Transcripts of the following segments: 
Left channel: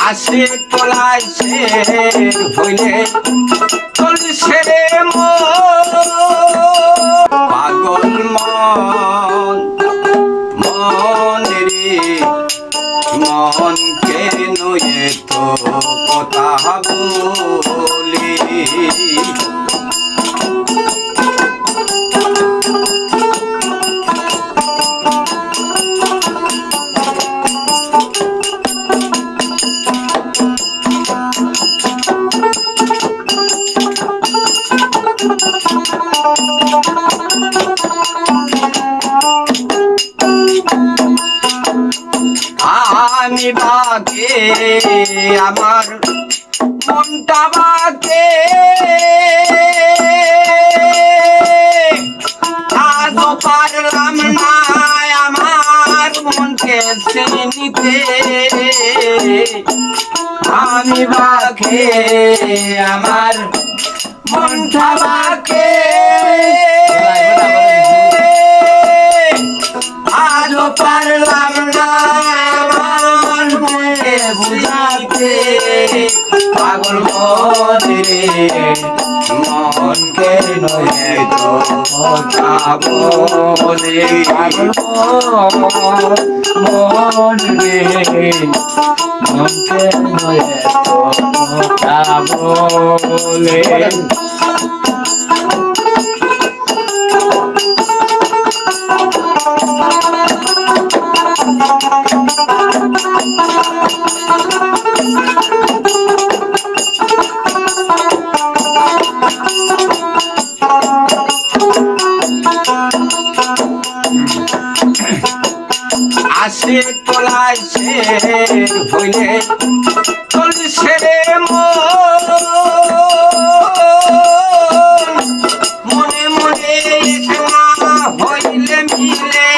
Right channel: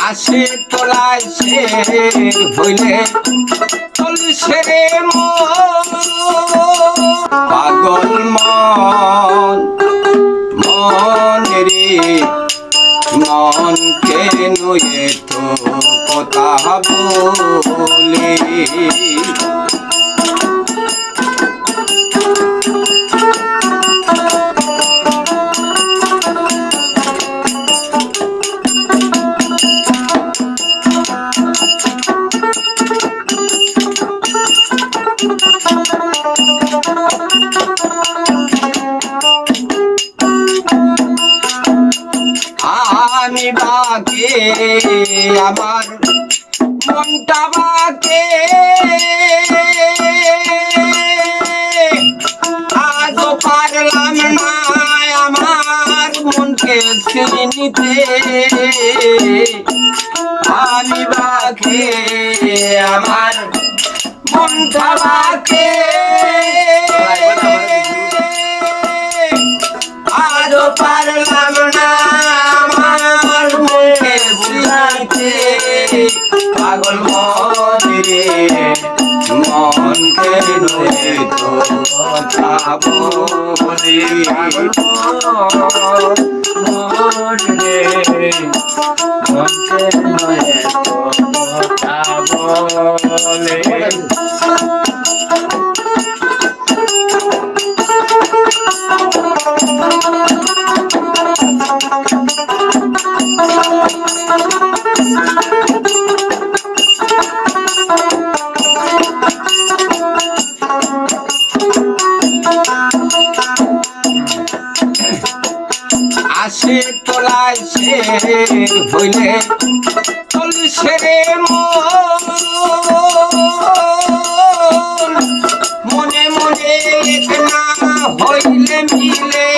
আসে তোলায় সে হইলে তুলসে পাগল মন মন রে কেন তো কথা বলে বাকে আমার মনটা বাকে। আজও পারলাম না আমার মনকে চিনিতে আমি বাকে, আমার মনটা বাকে। কথা বলে মন রে মন কথা বলে। আসে তোলায় সে হইলে তুলসে মনে। মনে না হইলে মিলে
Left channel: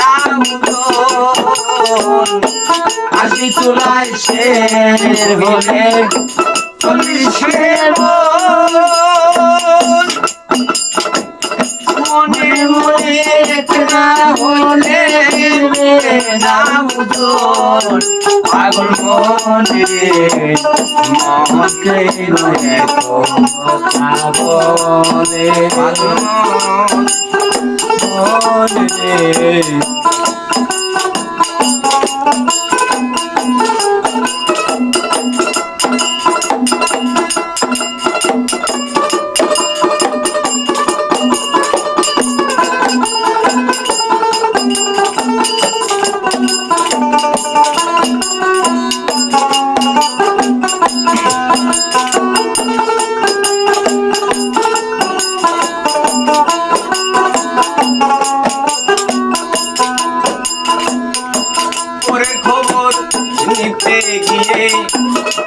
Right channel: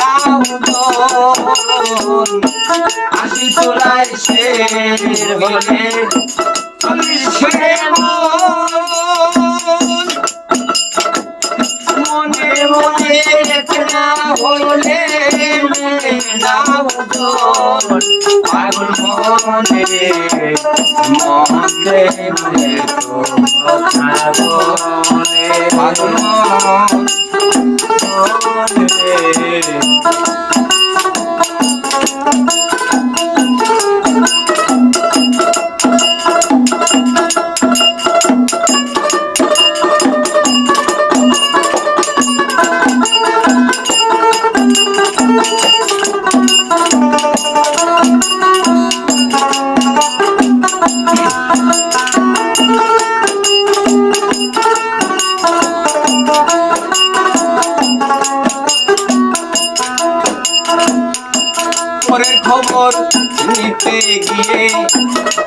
না আসি তোলায় সে হইলে তুলসে মনে। না হইলে না উদন পাগল মন রে পাগল মন রে। নিতে গিয়ে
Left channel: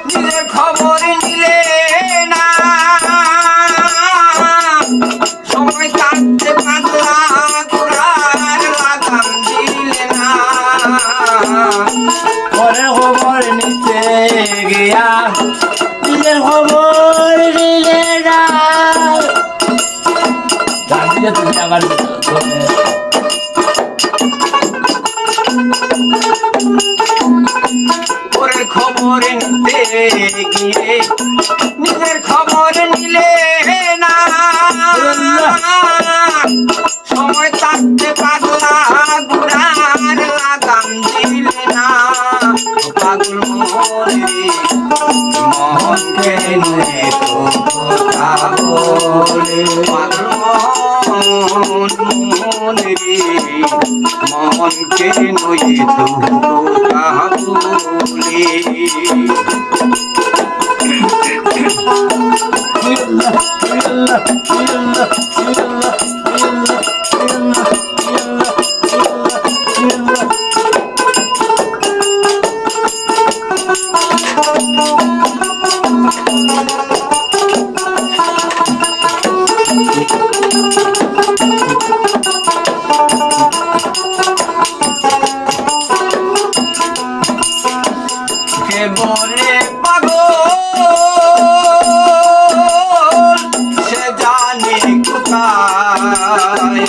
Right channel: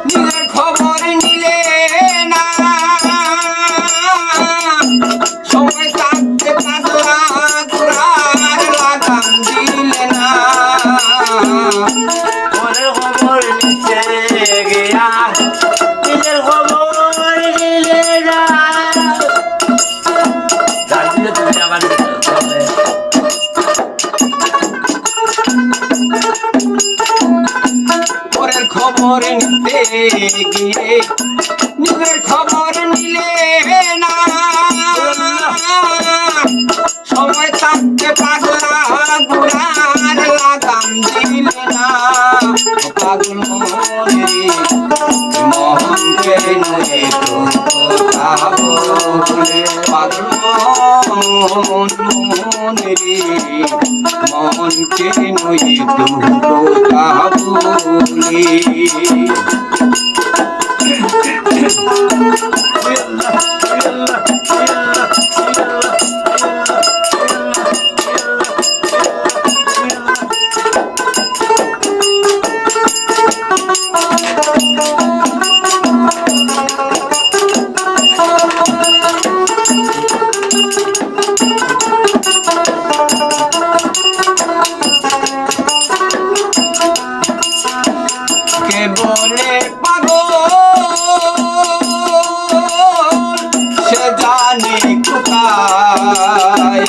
নিজের খবর খবর নিতে গিয়ে নিজের খবর নিলে না। সময় থাকতে পাগলা গুড়ার লাগাম দিলে না। পাগল মনে মন কেন তো কথা বলে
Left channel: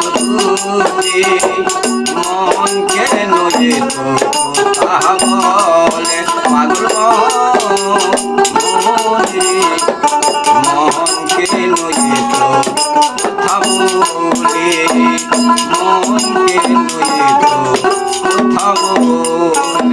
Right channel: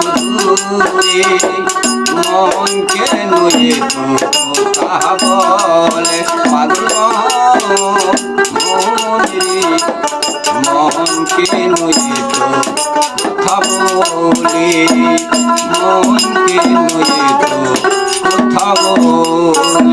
দূরে মন কেন কথা বলে? পাগল মনে কেন যে বলে? মন